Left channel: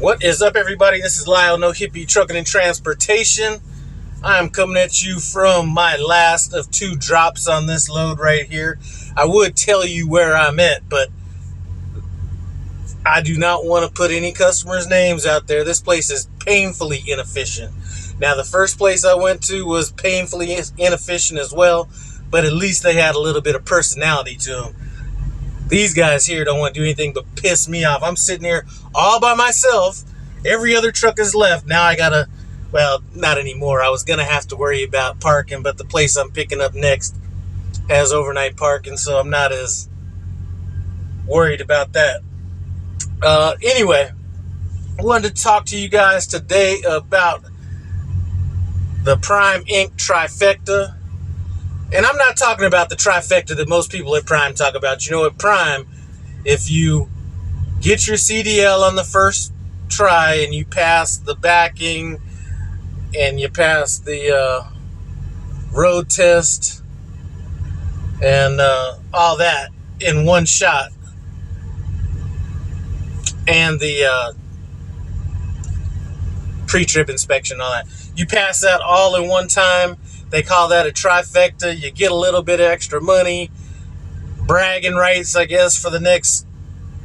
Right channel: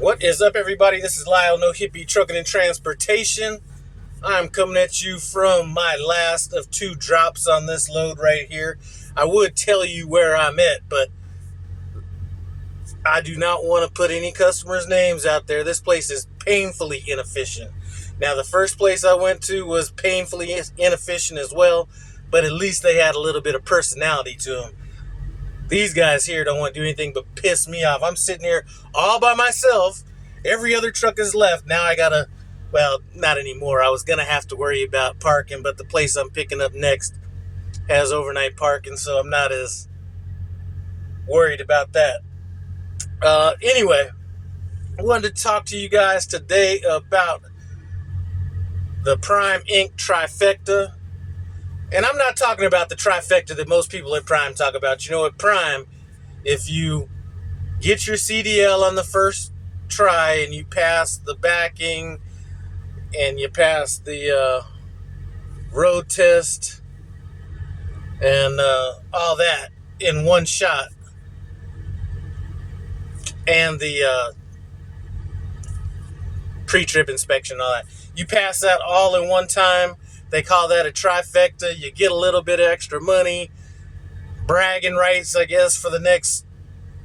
What is up, everybody? This is Lyle, No Hippie Trucking and Transportation. I'm coming at you from my last of 2 drops on this load right here. I would tell you where I'm at, but I do not want to put any customers' names out there. This place is painfully inefficient. Now, the first place I went to was painfully inefficient as well, but at least they had a little bit of personality to them. These guys here don't want to do anything but piss me off. I'm sitting here all by myself. Every other truck is left. Now I gotta, well, not anymore. I was gonna have to worry about parking, but the place I'm picking up next has overnight parking, so I'm not as worried about that. Anyway, I wanted to talk to you guys today about the Prime Inc. Trifecta. And I'm not talking about the trifecta that most people at Prime talk about. You know, at Prime, if you get your CDL on the first try and you pass the backing and you pass the road test and all that in one shot, and the pre-trip inspection, all that, you pass that all in one time. They call that a trifecta. You get a little bit of extra money, bragging rights, I guess, for the next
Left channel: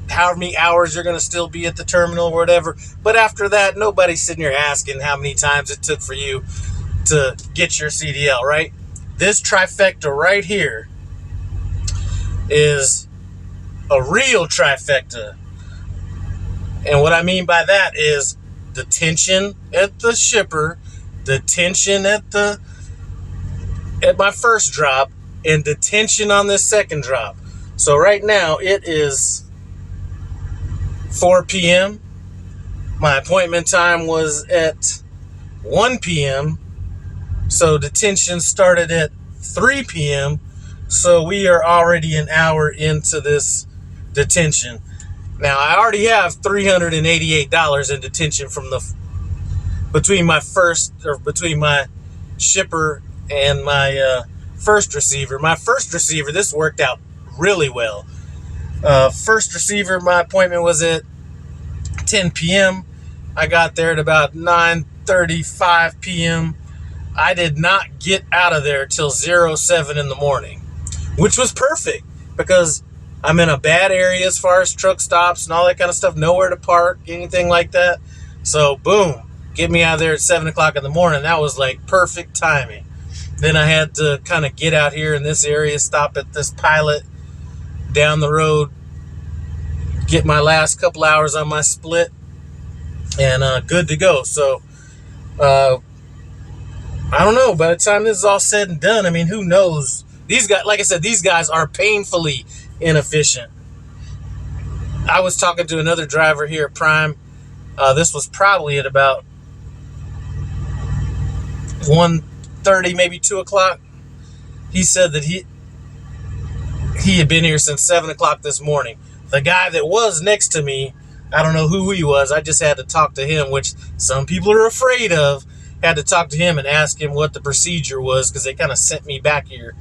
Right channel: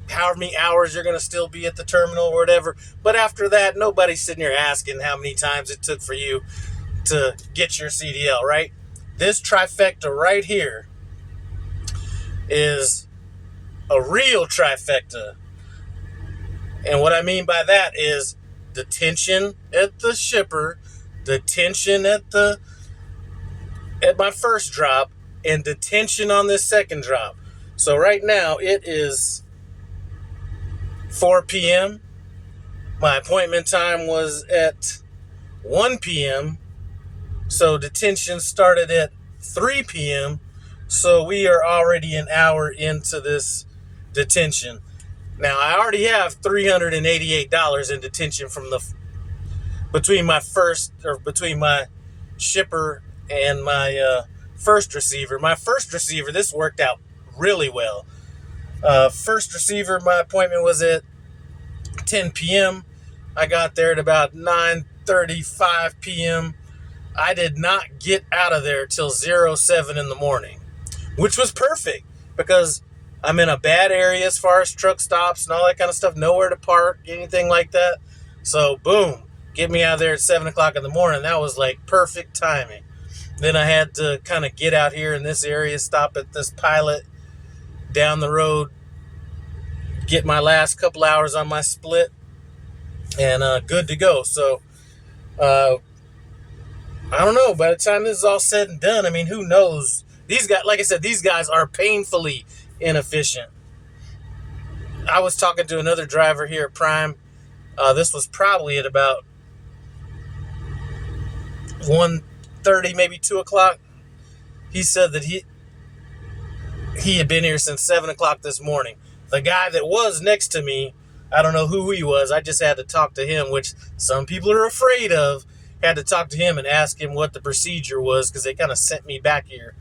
however many hours you're going to still be at the terminal or whatever. But after that, nobody's sitting here asking how many times it took for you to get your CDL, right? This trifecta right here is a real trifecta. And what I mean by that is detention at the shipper, detention at my first drop, and detention on this second drop. So right now it is 4 p.m. My appointment time was at 1 p.m. So detention started at 3 p.m. So we are already an hour into this detention. Now I already have $388 in detention from between my shipper and my first receiver. My first receiver, this worked out really well. First receiver, my appointment was at 10 p.m. I got there at about 9:35 p.m. I did not get out of there till 07 in the morning, which was perfect because I'm in a bad area as far as truck stops and all that kind of stuff. Nowhere to park, anything like that. So boom, get me out of there at 7 o'clock in the morning. That was like perfect timing. Then I had to kind of get out here in this area, stop at this Pilot down the road, get my last couple hours on my split, and good to go. So, I don't know. By the time this is all said and done, I mean, who knows? These guys, like I said, these guys are painfully inefficient. I was talking to another driver here at Prime. This was probably at about 1:30, maybe 2 o'clock. He said that he had been here since 7 o'clock this morning. The guy that was next to me, I don't know who he was. I just had to talk to him, which some people are afraid of. Had to talk to him and ask him what the procedure was because they kind of sent me back here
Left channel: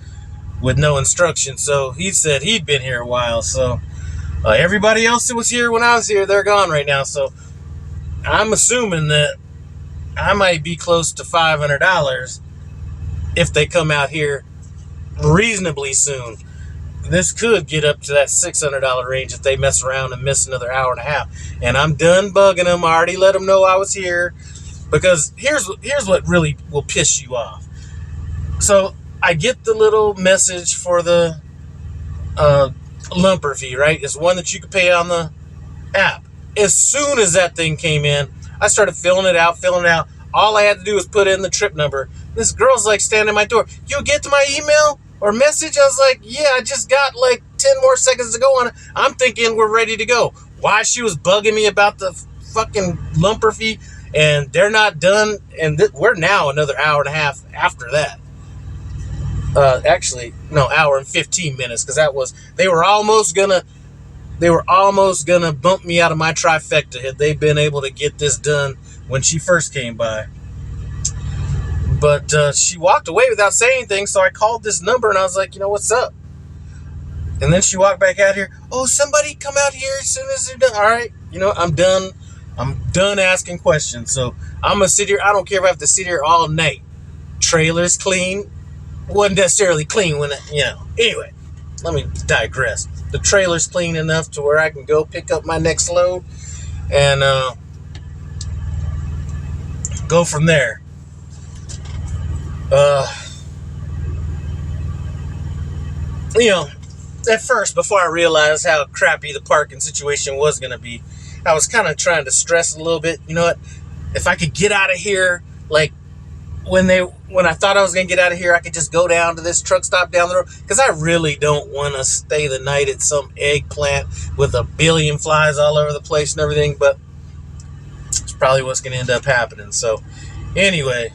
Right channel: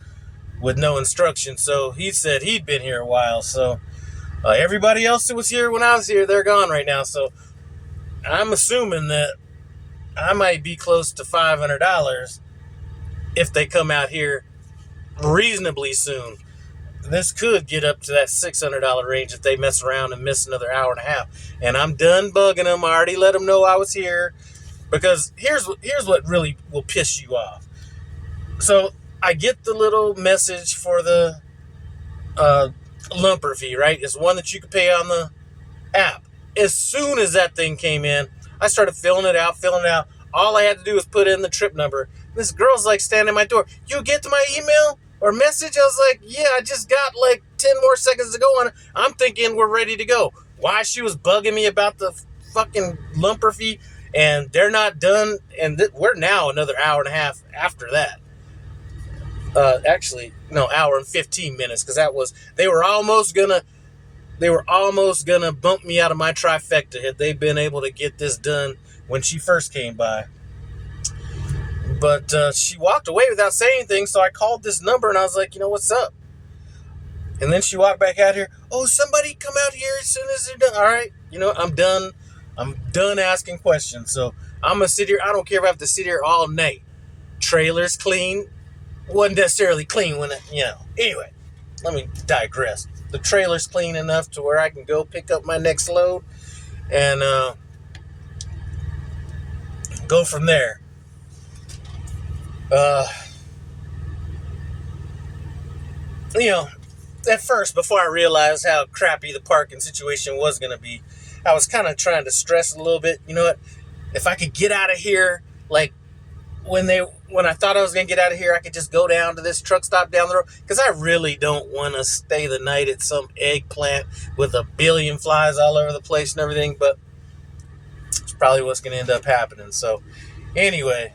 with no instruction. So he said he'd been here a while. So everybody else that was here when I was here, they're gone right now. So I'm assuming that I might be close to $500 if they come out here reasonably soon. This could get up to that $600 range if they mess around and miss another hour and a half. And I'm done bugging them. I already let them know I was here. Because here's what really will piss you off. So I get the little message for the lumper fee, right? It's one that you can pay on the app. As soon as that thing came in, I started filling it out. All I had to do was put in the trip number. This girl's like standing at my door. You get to my email or message? I was like, yeah, I just got like 10 more seconds to go on it. I'm thinking we're ready to go. Why she was bugging me about the fucking lumper fee, and they're not done, and we're now another hour and a half after that. Actually, no, hour and 15 minutes, because they were almost gonna bump me out of my trifecta had they been able to get this done when she first came by. But she walked away without saying anything, so I called this number and I was like, what's up? And then she walked back out here. Oh, somebody come out here as soon as they're done. All right, I'm done I'm done asking questions. So I'm gonna sit here. I don't care if I have to sit here all night. Trailer's clean. Wasn't necessarily clean when Anyway, let me digress. The trailer's clean enough to where I can go pick up my next load and go from there. At first, before I realized how crappy the parking situation was going to be, I was kind of trying to stress a little bit. You know what? If I could get out of here, like when I thought I was going to get out of here, I could just go down to this truck stop down the road, because I really don't want to stay the night at some eggplant with a billion flies all over the place and everything, but it's probably what's going to end up happening. So anyway,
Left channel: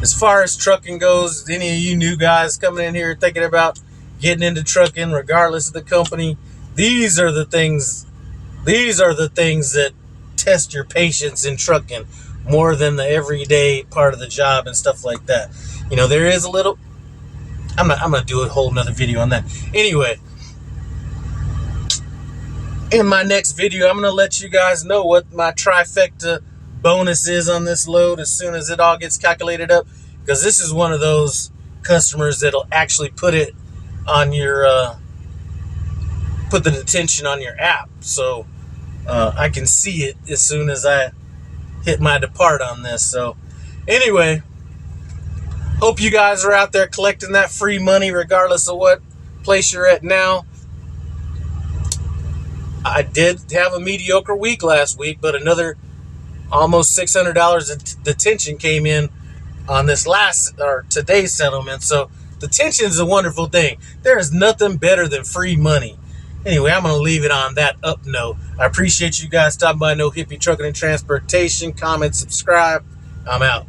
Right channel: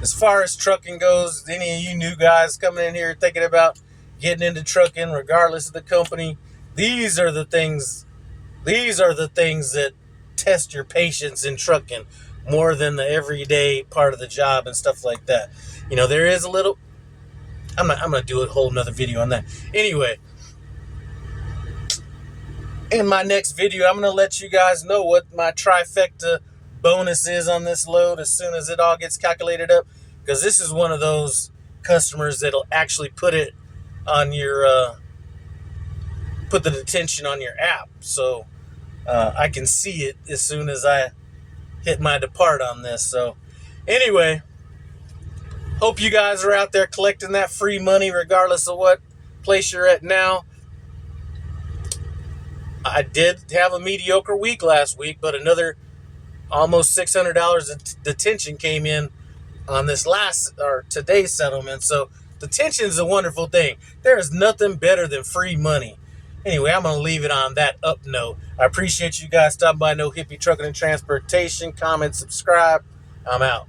as far as trucking goes, any of you new guys coming in here thinking about getting into trucking, regardless of the company, these are the things that test your patience in trucking more than the everyday part of the job and stuff like that. There is a little, I'm gonna do a whole nother video on that. Anyway, in my next video, I'm gonna let you guys know what my trifecta bonus is on this load as soon as it all gets calculated up, because this is one of those customers that'll actually put it on your put the detention on your app, so I can see it as soon as I hit my depart on this. So anyway, hope you guys are out there collecting that free money regardless of what place you're at now. I did have a mediocre week last week, but another almost $600 of detention came in on this today's settlement. So detention is a wonderful thing. There is nothing better than free money. Anyway, I'm going to leave it on that up note. I appreciate you guys stopping by No Hippie Trucking and Transportation. Comment, subscribe. I'm out.